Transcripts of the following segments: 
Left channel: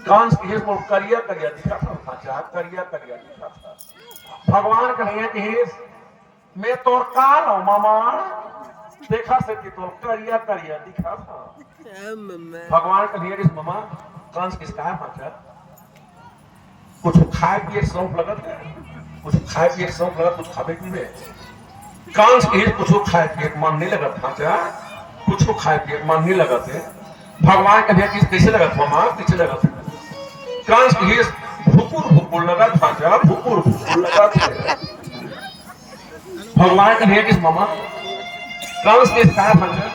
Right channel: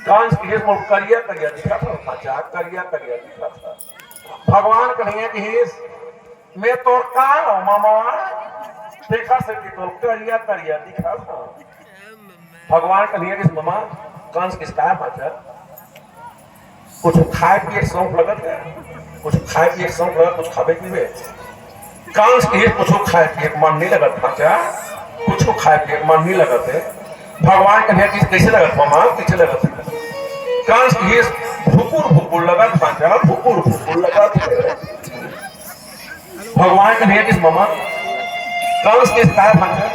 कंस की करिया करिया दिखा था, करिया करिया दिखा था। भगवान कन्हैया की मैं तो काल हूं मामा, देखा से कि तो करिया करिया दिखा था। भगवान कन्हैया की मामा कंस किसका पाचा कुछ खाए पिए शौक लगत है, कुछ खाए पिए शौक लगत, कुछ खावे पीवे कंस के कुछ खाए पिए मन नहीं लगत पाचा, कुछ खाए पिए मन नहीं लगत है। भगवान कन्हैया की कैसे लगत मामा, कैसे लगत है कंस की भुकुर भुकुर लगत पाचा, भुकुर भुकुर लगत। भगवान कन्हैया की मामा कंस के साथ पाचा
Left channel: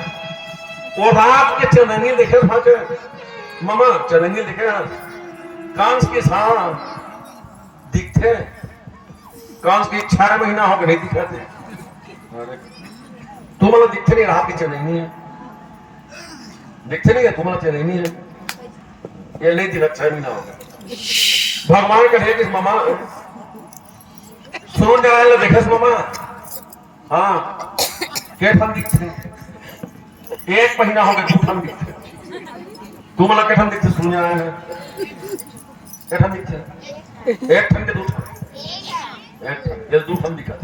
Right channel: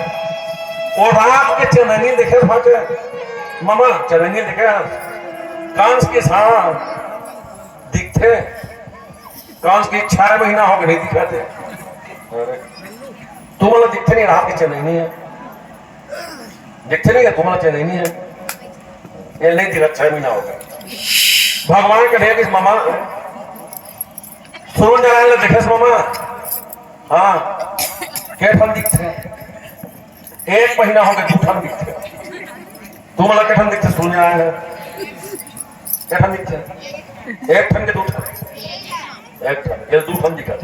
और रात के चननी देखे पाचा मामा, चननी देखे कंस के साथ दिखते, कंस की 6 महीना हो गए नहीं दिखाते, तुम्हारा दिखते नहीं, रात के चननी है दिखते नहीं है, तुम्हारा चननी है ये नहीं दिखा, 6 महीना हो गए। भगवान कन्हैया की मामा सुन जरा देखे मामा, हाँ कैठन दिखते, 1 महीना हो गया दूठन दिखते, तुम्हारा कैठन दिखते सुन जाएंगे, कैठन दिखते एक ठन के दूठन, एक ठन ये दूठन दिखा।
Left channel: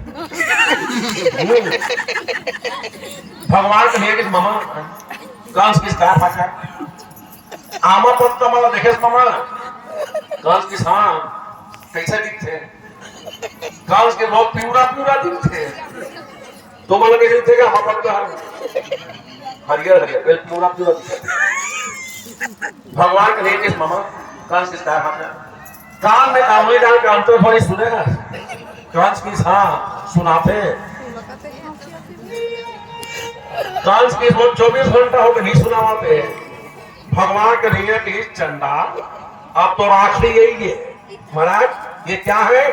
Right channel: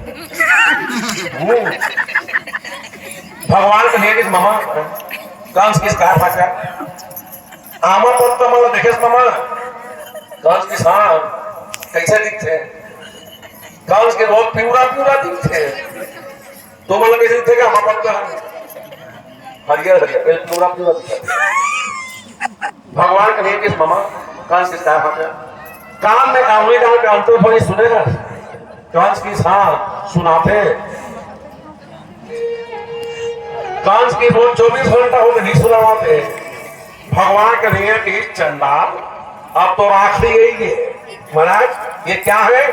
भगवान कन्हैया की मामा कंस किस का पाचा आमा पत्ता माला देखे मामा कंस के साथ कैसे दिखते, कंस के लोग पूरा पूरा दिखते, तो मतलब कैसे दिखते कि आमा पत्ता हरियर हरियर पूरा पूरा दिखते। भगवान कन्हैया की मामा कंस किस का पाचा कान में आंगली डाल के अंतर्फली सुनेगा, कंस की साथ सुनाते, कंस की रोज 24 घंटा हो गए नहीं सुनाते। भगवान कन्हैया की चंडाल अब तो आखिरी यही है महाराज, ये क्या है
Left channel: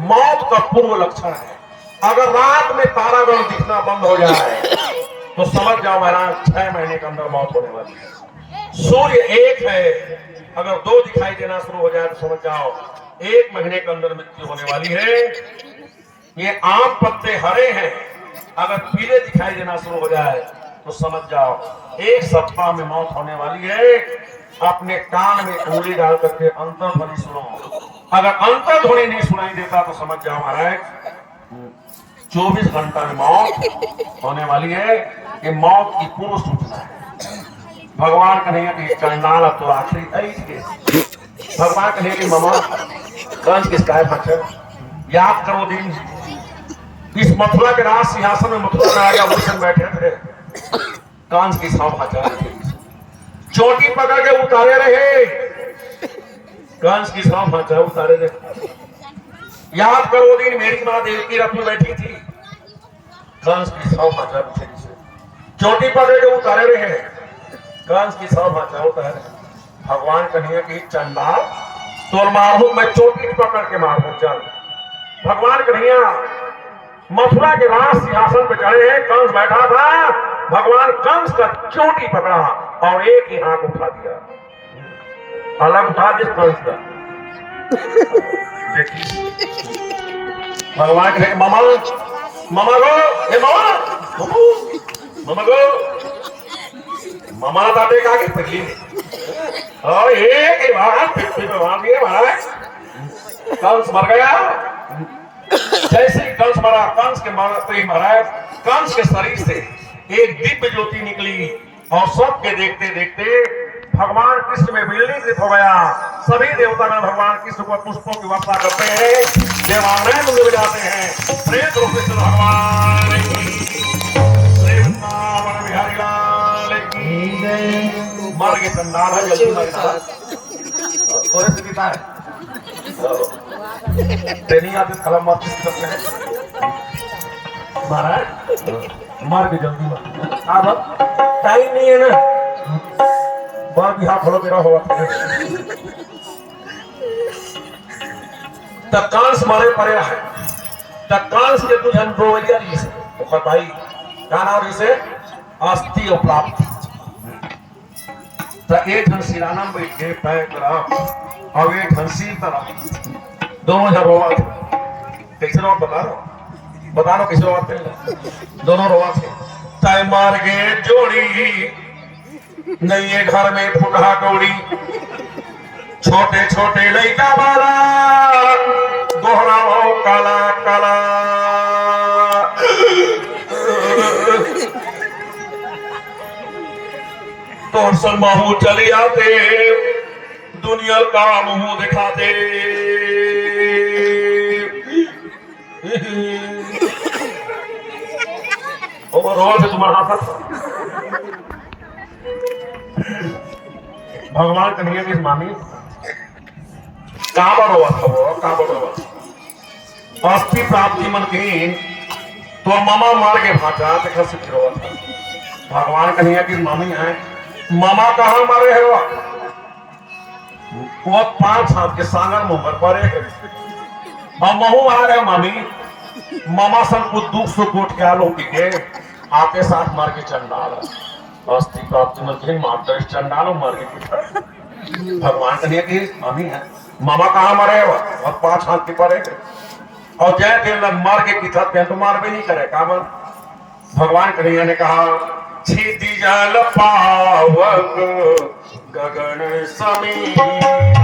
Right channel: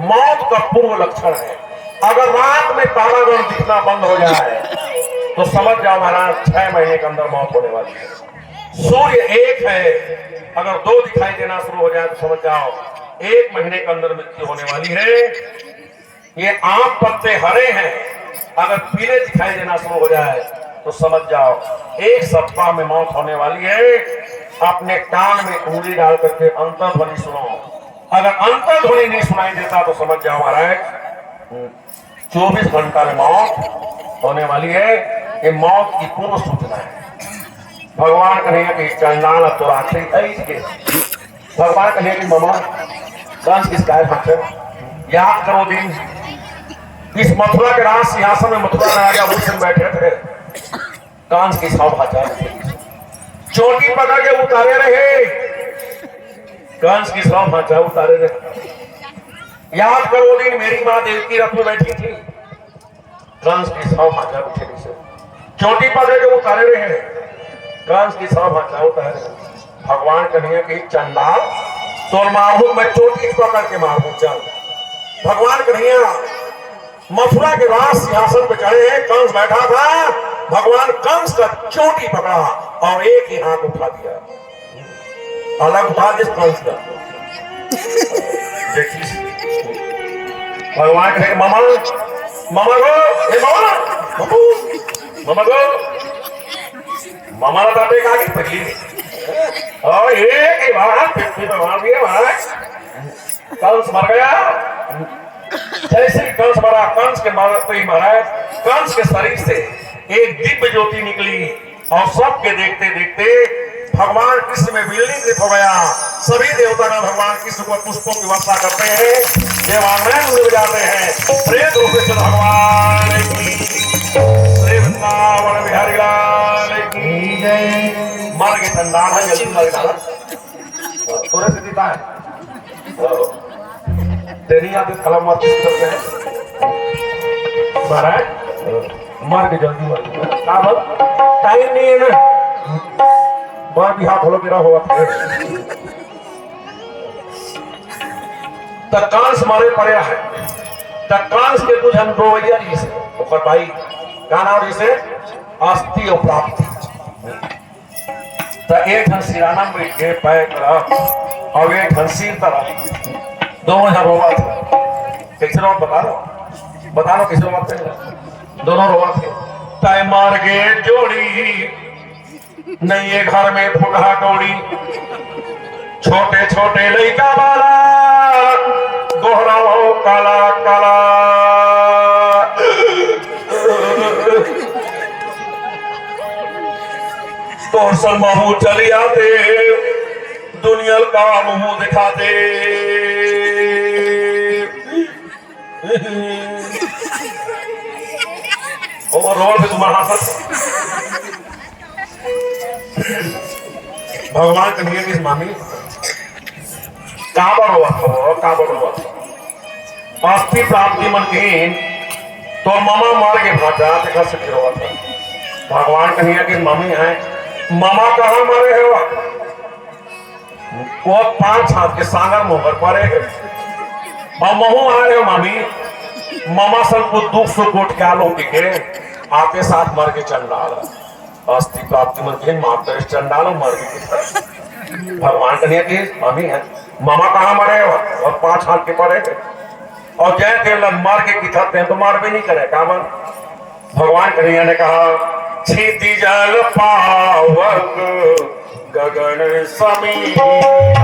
मौत का पूर्व लक्षण है। अगर रात में तारागण दिखना बंद हो जाए तो समझ जाओ महाराज 6 महीने के अंदर मौत होने वाली है। सूर्य एक है, अगर 2 दिखाई देना शुरू हो जाए तो समझ जाओ 1 महीने के अंदर मृत्यु होने वाली है। ये आम पत्ते हरे हैं, अगर पीले दिखाई देना शुरू हो जाए तो समझ जाओ 1 सप्ताह में मौत होने वाली है। अपने कान में उंगली डाल करके अंतर्ध्वनि सुनो, अगर अंतर्ध्वनि नहीं सुनाई देता तो समझ जाओ महाराज 24 घंटा में मौत होने वाली है। ये मौत की पूर्व सूचना है। भगवान कन्हैया की चंडाल तो आखिरी के भगवान कन्हैया की मामा कंस किस काय भाषे याद करो दिन इस मथुरा के राज सिंहासन में मथुरा राजा भूषण बैठे थे, कंस की सौ भाषा चोटी पकड़ के उतारे रहे, कंस की सौ भाषा उतारे रहे। याद करो दिन मेरी मां देवकी रथ में बैठी थी, कंस की सौ भाषा उठेली से चोटी पकड़ के उतारे रहे, कंस की सौ भाषा उतारे। भगवान कन्हैया की चंडाल तो मारू मैं चोटी पकड़ के मारू चल। भगवान कन्हैया मथुरा के राज सिंहासन पे चढ़े हैं, कंस बैठा था, भगवान कंस का चोटी पकड़ा और एक ही हाथ उठा दिया, अलग उठा दिया कंस का। देखिए भगवान कन्हैया मामा मामा गो ए मामा गो मामा ना ताते का की पगली और एक ही महाराज फिर भगवान भी महाराज कंस मर गया। जैसे कंस मरा, कंस के मारते ही महाराज कंस के शरीर से एक दिव्य ज्योति निकली और सबके देखते देखते भगवान कृष्ण में विलीन हो गया। सभी देवता ने भगवान कृष्ण को पुष्पों की वर्षा करते हैं, देवालय मिल जाते हैं। प्रेम प्रोफेसर भगवान प्रेम बिहारी लाल की मर के चंडाल है, जल्दी मर गया थोड़े से जीता है तेरी आदि कलम मत करते हैं महाराज, मर के जल्दी मर टाइम नहीं है ना, बार भी हाथ होलो गिरा हुआ तब कांस मारे पड़े है, तब कांस के कुछ अनुभवैया जी से ओकर भाई का नाम से अस्थि और प्राप्ति तो एक घन सिराना में के पैक रहा और एक घन सिर तरह दोनों है रोवा थे। कैसे रोवा बता लो कैसे रोवा थे, दोनों रोवा थे। तय मार गे जोड़ी नहीं ये घर में फुटहा कौड़ी छोटे छोटे लड़का वाला दोहरा हो काला काला तो सब महू चली आते दुनिया का मुंह दिखाते ओवरऑल भी तुम्हारा भगवान के नियम इस मामी कहाँ पर अस्थि प्राप्ति मन के तो मामा मार के भाजा देखा सकते हो भगवान का नियम इस मामी है मामा कहाँ मारे हो वो 5 हाथ के सागर मुहर पर और महू आ रहे मामी मामा सबको दुख से कोट के आलो के आके साथ मार के चल डाला अस्थि प्राप्ति में के माता चंडालो मर गए भगवान कन्हैया की मामी है मामा कहाँ मरे हो और 5 हाथ के परे और जय के मर के की था तो मार भी नहीं करे काम भगवान कन्हैया ने कहा छीती जाल पावक गगन समीर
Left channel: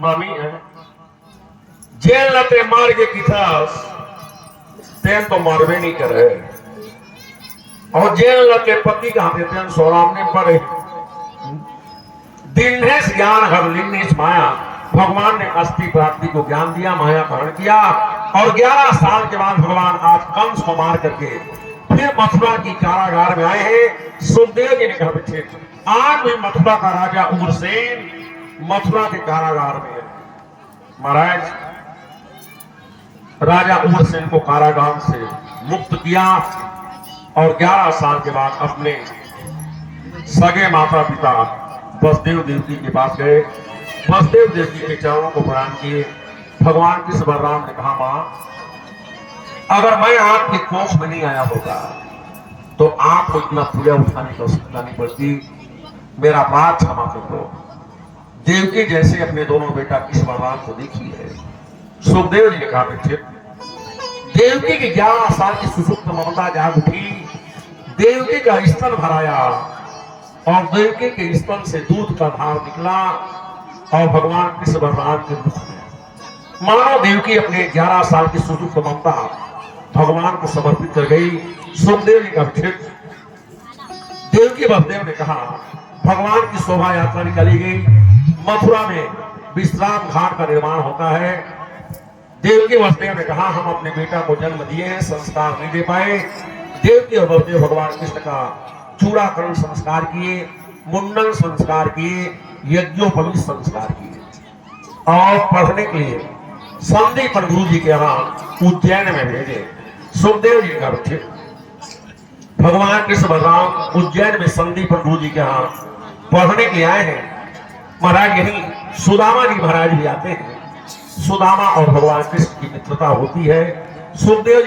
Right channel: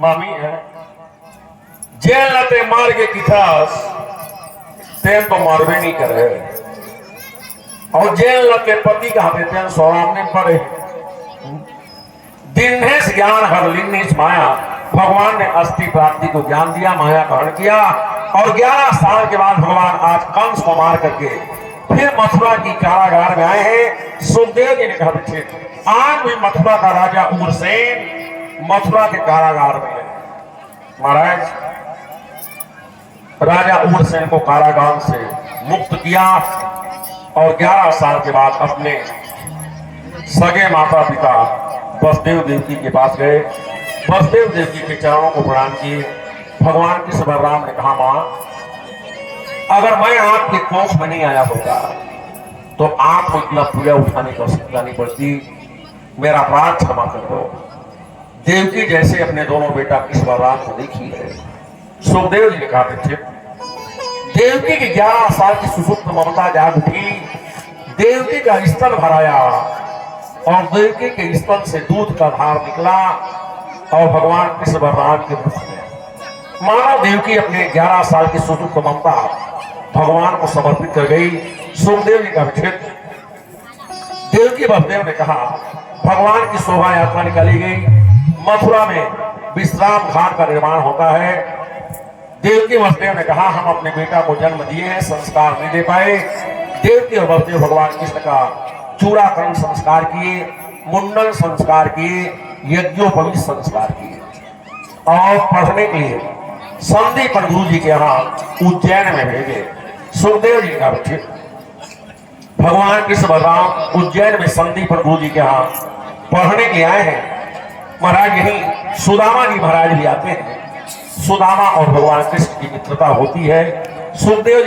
मामी है जेल लते मार के किथास तेन तो मरबे नहीं कर रहे और जेल लते पति का हाथे तेन सोरामने पड़े दिनेश ज्ञान हर लिंगेश माया भगवान ने अस्थि प्राप्ति को ज्ञान दिया माया ग्रहण किया और 11 साल के बाद भगवान आज कंस को मार करके फिर मथुरा की कारागार में आए हैं सुखदेव जी ने कहा पीछे आज भी मथुरा का राजा उग्रसेन मथुरा के कारागार में महाराज राजा उग्रसेन को कारागार से मुक्त किया और 11 साल के बाद अपने सगे माता पिता वसुदेव देवकी के पास गए वसुदेव देवकी के चरणों को प्रणाम किए भगवान कृष्ण बलराम ने कहा मां अगर मैं आपके कोख में नहीं आया होता तो आपको इतना पूजा उठाने की आवश्यकता नहीं पड़ती मेरा अपराध क्षमा कर दो देवकी जैसे अपने दोनों बेटा कृष्ण बलराम को देखी है सुखदेव जी ने कहा थे देवकी की 11 साल की सुसुप्त ममता जाग उठी देवकी का स्तन भराया और देवकी के स्तन से दूध का धार निकला और भगवान कृष्ण बलराम के मुख में मानो देवकी अपनी 11 साल की सुसुप्त ममता भगवान को समर्पित कर गई सुखदेव जी का देवकी बलदेव ने कहा भगवान की शोभा यात्रा निकाली गई मथुरा में विश्राम घाट का निर्माण होता है देवकी वसुदेव ने कहा हम अपने बेटा को जन्म दिए हैं संस्कार नहीं दे पाए देवकी और बलदेव भगवान कृष्ण का चूड़ाकरण संस्कार किए मुंडन संस्कार किए यज्ञोपवीत संस्कार किए और पढ़ने के लिए संदीप गुरु जी के यहाँ उज्जैन में भेजे सुखदेव जी का बच्चे भगवान कृष्ण बलराम उज्जैन में संदीप गुरु जी के यहाँ पढ़ने के लिए आए हैं महाराज यही सुदामा जी महाराज भी आते हैं सुदामा और भगवान कृष्ण की मित्रता होती है सुखदेव